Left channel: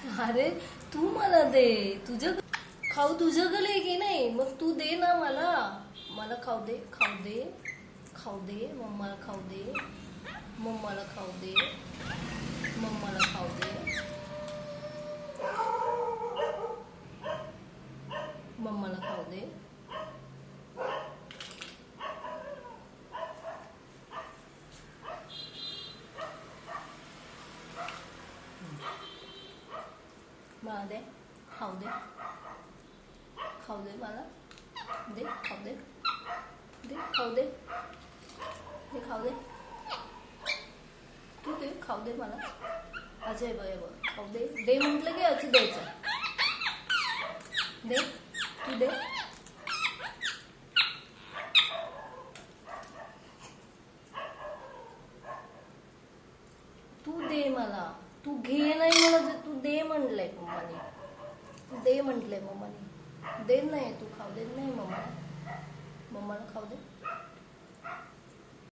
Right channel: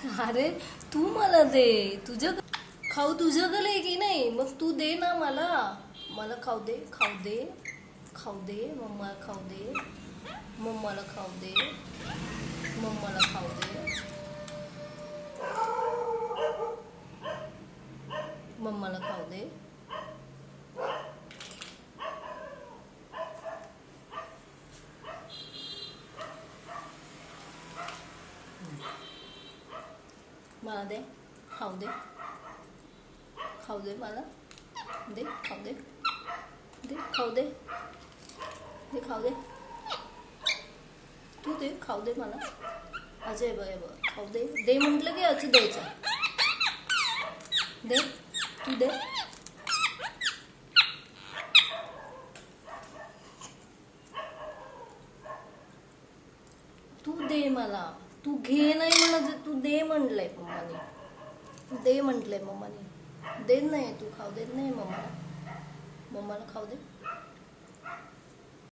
अरे तू मला दे, तुझं खाऊ तुझ्याकडे की नाही, मग तू दे ना मला. मला खाऊ दे, खाऊ दे, खाऊ दे, मम्मा खाऊ दे, मम्माला खाऊ दे, मम्माला खाऊ दे, मम्माला खाऊ दे. मला दे, खाऊ दे, खाऊ दे मला दे, खाऊ दे, दे खाऊ दे, दे खाऊ दे, तू दे खाऊ दे मला. अजय बघ बघ, खाऊ दे, दे म्हटलं की असं द्यायचं. दे, तू दे. तू दे मला, तू घे नाही मला, तू दे म्हटलंय मम्माने, तू दे म्हटलंय मम्माने. देत नाही तू, खाऊ देत नाही मम्माला. मम्माला खाऊ दे.